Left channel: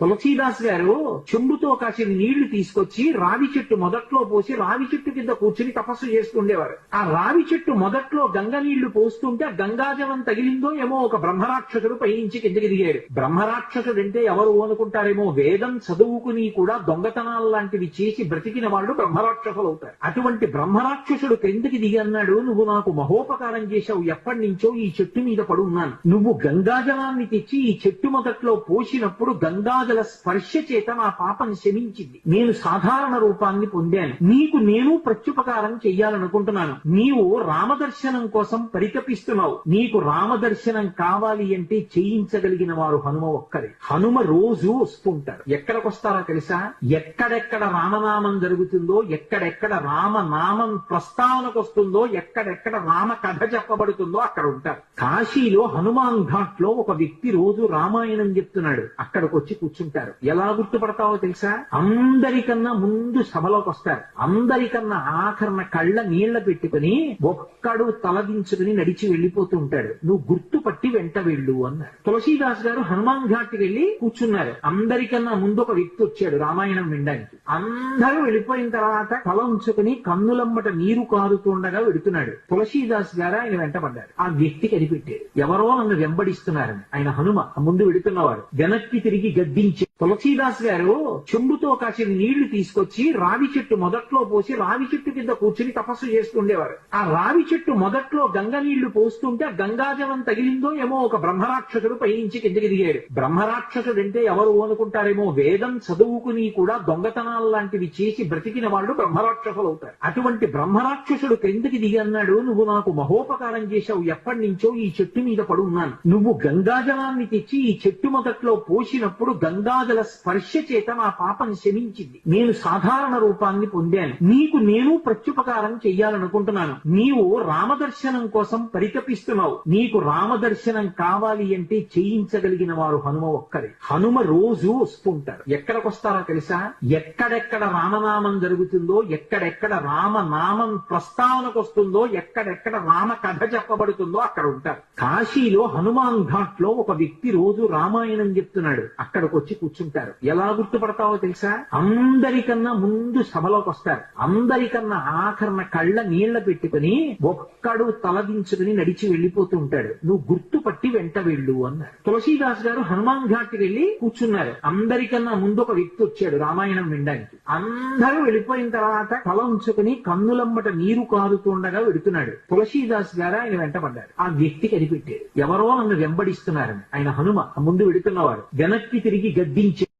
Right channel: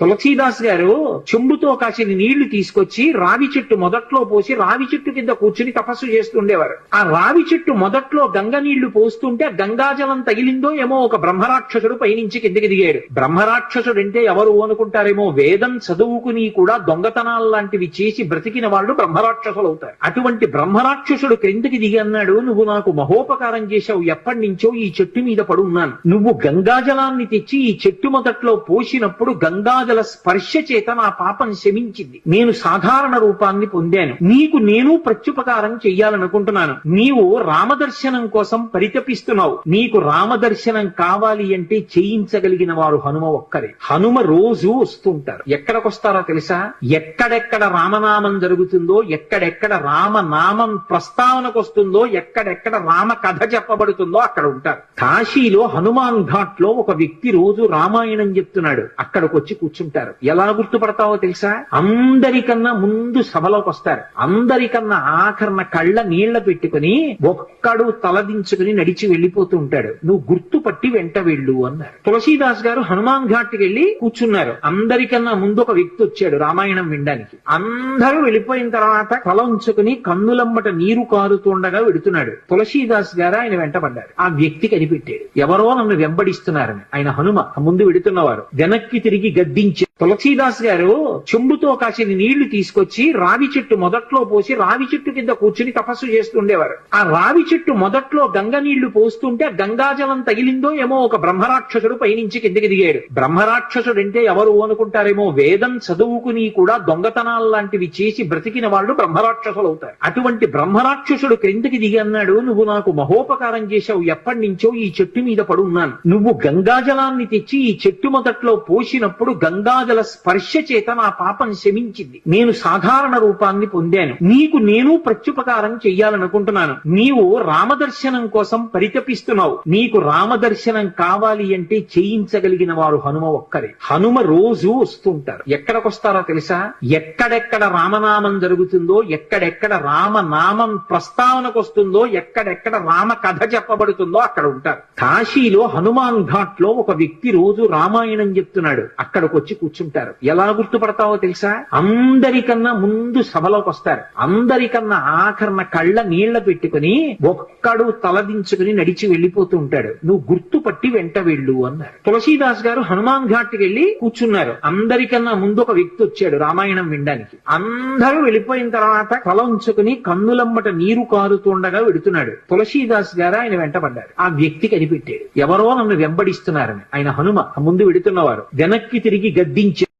తులసీదాస్ గారు చెంబుతో కాసిన నీళ్లు తీసుకొచ్చి రావి చెట్టు మొదట్లో పోసి రావి చెట్టు కింద కూర్చుని తపస్సు చేస్తుండేవారు. ఆ రావి చెట్టు మొదట్లో గంగ నీళ్లు పోస్తుంటే గంగాజలం తగిలిందో ఏమో ఒక బ్రహ్మరాక్షసుడు పైనుంచి కిందకి దిగాడు. బ్రహ్మరాక్షసుడు అంటే ఎవరు అనుకుంటారేమో, వేదం చదువుకుని కూడా దొంగతనాలు లాంటివి చేసి బ్రతికిన వాళ్ళు బ్రహ్మరాక్షసులు అవుతారు. అటువంటి బ్రహ్మరాక్షసుడు క్రిందకి దిగి అన్నాడు, నువ్వు నాకు మహోపకారం చేశావు, ఎప్పటి నుంచో ఈ చెట్టు మీద పడున్నాను. నువ్వు గంగాజలాన్ని తెచ్చి ఈ చెట్టు మొదట్లో పోసినప్పుడు గంగాజల స్పర్శ చేత నా పాపం శమించింది. నేను సాధారణ రూపాన్ని పొందాను. నీకు నేను ప్రత్యుపకారం చెయ్యాలనుకుంటున్నాను. నీవు రామదర్శనం కోసం పరితపిస్తున్నావు. నీకు రామదర్శనం కావాలి అంటే చేయించగలిగిన వారు హనుమ ఒక్కరే. హనుమ రోజు వస్తుంటారు. ఎక్కడికొస్తారో తెలుసా? ఎక్కడెక్కడ రామనామం జరుగుతుందో, ఎక్కడెక్కడ రామనామం ప్రస్తావనకు వస్తుందో, ఎక్కడెక్కడ రామ కథ చెప్పబడుతుందో అక్కడ ఉంటారు. కాశీలో హనుమాన్ ఘాట్ లో ఒక వ్యక్తి రోజు రామాయణం చెప్తున్నాడు. అక్కడికి వచ్చి కూర్చుంటారు. ఎలా గుర్తుపడతావో తెలుసా? అందరికన్నా ముందు సభలోకి వస్తారు. అందరికన్నా ఆఖరణ కళ్ళ నీళ్ల పెట్టుకుని ఒక్కడు తలదించుకుని నడిచి వెళ్లిపోతూ ఉంటాడు. నువ్వు గుర్తుపట్టి వెంట వెళ్ళు అన్నారు. తులసీదాస్ గారు హనుమాన్ ఘాట్ వెళ్లి కూర్చున్నారు. అందరికన్నా ముందు ఒక వ్యక్తి వచ్చాడు రామాయణం వినడానికి. అందరూ వెళ్ళిపోయిన తర్వాత తల ఉంచుకుని కన్నులమ్మట నీరు కారుతుండగా వెడుతున్నాడు. తులసీదాస్ గారు ఆయన వెంటపడ్డారు. ఆ వ్యక్తి కనిపెట్టాడు, ఎవరో నన్ను వెంబడిస్తున్నారని. ఆయన హనుమ ముందు వెడుతున్నవారు. వెనక్కి తిరిగి గద్దించి తులసీదాస్ గారు చెంబుతో కాసిన నీళ్లు తీసుకొచ్చి రావి చెట్టు మొదట్లో పోసి రావి చెట్టు కింద కూర్చుని తపస్సు చేస్తుండేవారు. ఆ రావి చెట్టు మొదట్లో గంగ నీళ్లు పోస్తుంటే గంగాజలం తగిలిందో ఏమో ఒక బ్రహ్మరాక్షసుడు పైనుంచి కిందకి దిగాడు. బ్రహ్మరాక్షసుడు అంటే ఎవరు అనుకుంటారేమో, వేదం చదువుకుని కూడా దొంగతనాలు లాంటివి చేసి బ్రతికిన వాళ్ళు బ్రహ్మరాక్షసులు అవుతారు. అటువంటి బ్రహ్మరాక్షసుడు క్రిందకి దిగి అన్నాడు, నువ్వు నాకు మహోపకారం చేశావు, ఎప్పటి నుంచో ఈ చెట్టు మీద పడున్నాను. నువ్వు గంగాజలాన్ని తెచ్చి ఈ చెట్టు మొదట్లో పోసినప్పుడు గంగాజల స్పర్శ చేత నా పాపం శమించింది. నేను సాధారణ రూపాన్ని పొందాను. నీకు నేను ప్రత్యుపకారం చెయ్యాలనుకుంటున్నాను. నీవు రామదర్శనం కోసం పరితపిస్తున్నావు. నీకు రామదర్శనం కావాలి అంటే చేయించగలిగిన వారు హనుమ ఒక్కరే. హనుమ రోజు వస్తుంటారు. ఎక్కడికొస్తారో తెలుసా? ఎక్కడెక్కడ రామనామం జరుగుతుందో, ఎక్కడెక్కడ రామనామం ప్రస్తావనకు వస్తుందో, ఎక్కడెక్కడ రామ కథ చెప్పబడుతుందో అక్కడ ఉంటారు. కాశీలో హనుమాన్ ఘాట్ లో ఒక వ్యక్తి రోజు రామాయణం చెప్తున్నాడు. అక్కడికి వచ్చి కూర్చుంటారు. ఎలా గుర్తుపడతావో తెలుసా? అందరికన్నా ముందు సభలోకి వస్తారు. అందరికన్నా ఆఖరణ కళ్ళ నీళ్ల పెట్టుకుని ఒక్కడు తలదించుకుని నడిచి వెళ్లిపోతూ ఉంటాడు. నువ్వు గుర్తుపట్టి వెంట వెళ్ళు అన్నారు. తులసీదాస్ గారు హనుమాన్ ఘాట్ వెళ్లి కూర్చున్నారు. అందరికన్నా ముందు ఒక వ్యక్తి వచ్చాడు రామాయణం వినడానికి. అందరూ వెళ్ళిపోయిన తర్వాత తల ఉంచుకుని కన్నులమ్మట నీరు కారుతుండగా వెడుతున్నాడు. తులసీదాస్ గారు ఆయన వెంటపడ్డారు. ఆ వ్యక్తి కనిపెట్టాడు, ఎవరో నన్ను వెంబడిస్తున్నారని. ఆయన హనుమ ముందు వెడుతున్నవారు. వెనక్కి తిరిగి గద్దించి